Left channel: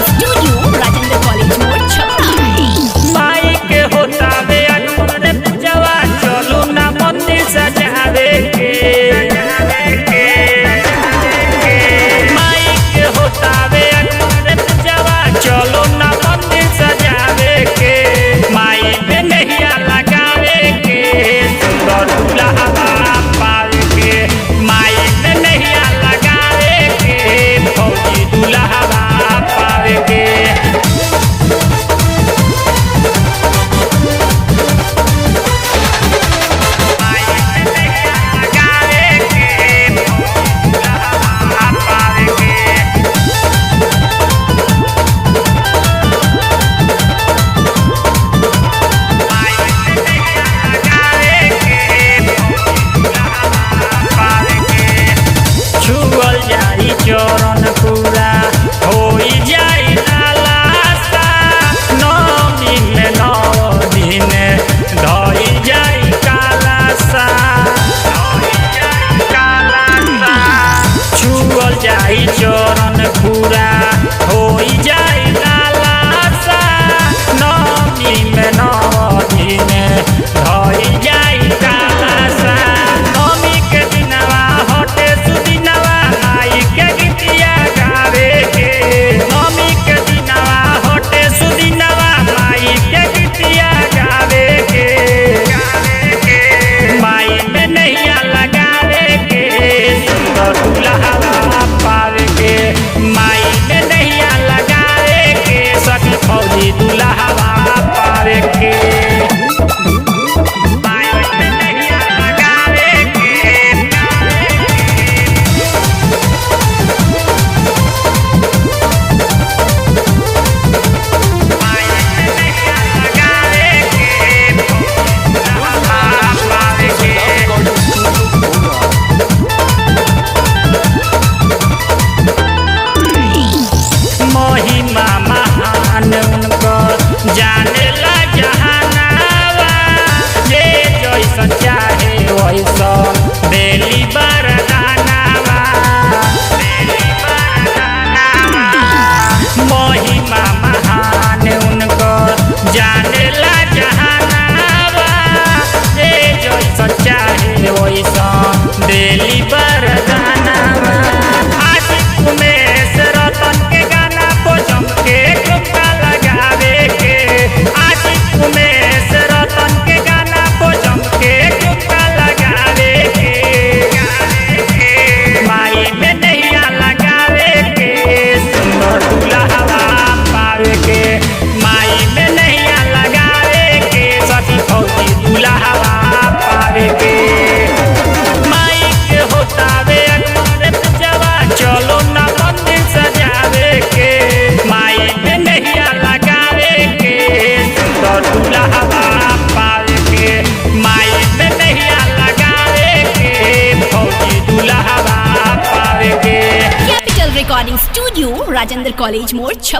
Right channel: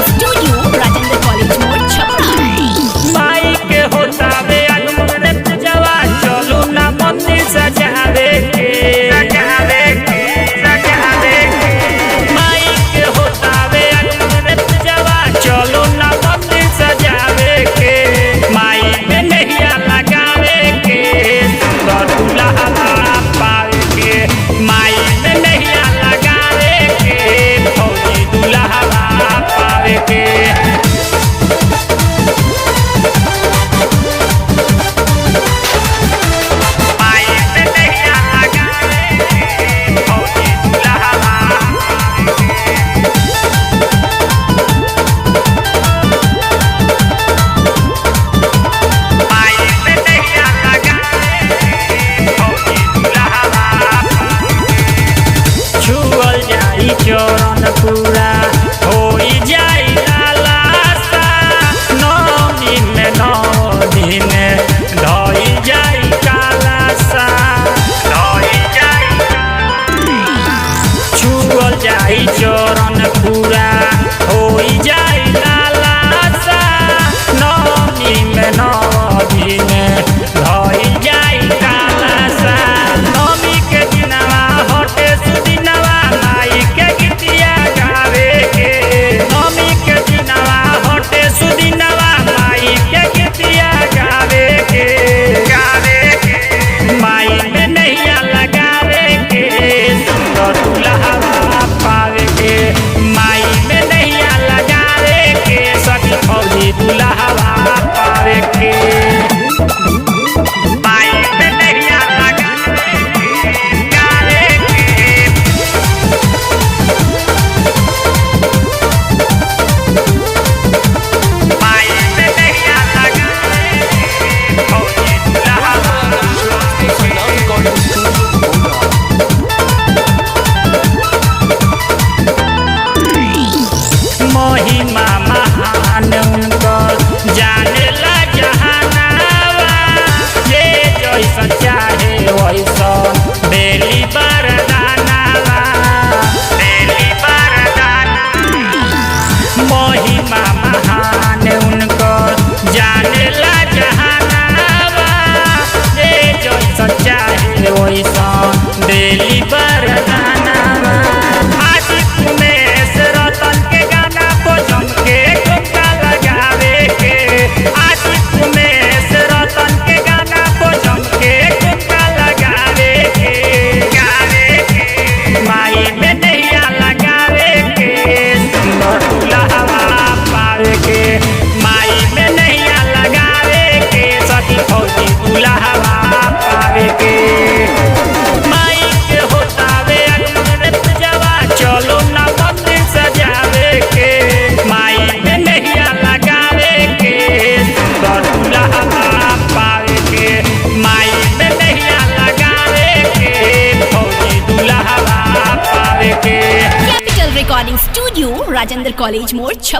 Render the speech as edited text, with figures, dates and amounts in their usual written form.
Recording studio Rajendra college मोड़ छपरा। माई के होता वे आगमन रे पूजवा चलू ना मंदिर सजावे के माई के होता वे आगमन रे पूजवा चलू ना मंदिर सजावे के माई में नैया लगावे के सुंदर दुल्हा पावे के माई में नैया लगावे के फौजी दुल्हा पावे के छुअल जाई चरण पूरा हो जाई लालासा नौमी में 9 दिन धोई जाई कालासा छुअल जाई चरण पूरा हो जाई लालासा नौमी में 9 दिन धोई जाई कालासा नौमी के दिनवा हटे सुदिनवा माई के गीतिया गावे के नौमी के दिनवा हटे सुदिनवा माई के गीतिया गावे के माई में नैया लगावे के सुंदर दुल्हा पावे के माई में नैया लगावे के सखी फौजी दुल्हा पावे के महिमा महान उनको जाने ला जहानावा ये जैसन चाहे वैसन बेली बरदानावा महिमा महान उनको जाने ला जहानावा ये जैसन चाहे वैसन बेली बरदानावा आशिक उमेश रतन के गाना जम के ठुमका लगावे के आशिक उमेश रतन के गाना जम के ठुमका लगावे के माई में नैया लगावे के सुंदर दुल्हा पावे के माई में नैया लगावे के सती फौजी दुल्हा पावे के माई के होतावे आगमन रे पूजवा चलो ना मंदिर सजावे के माई में नैया लगावे के सुंदर दुल्हा पावे के माई में नैया लगावे के फौजी दुल्हा पावे के capital recording studio Rajendra college मोड़ छपरा।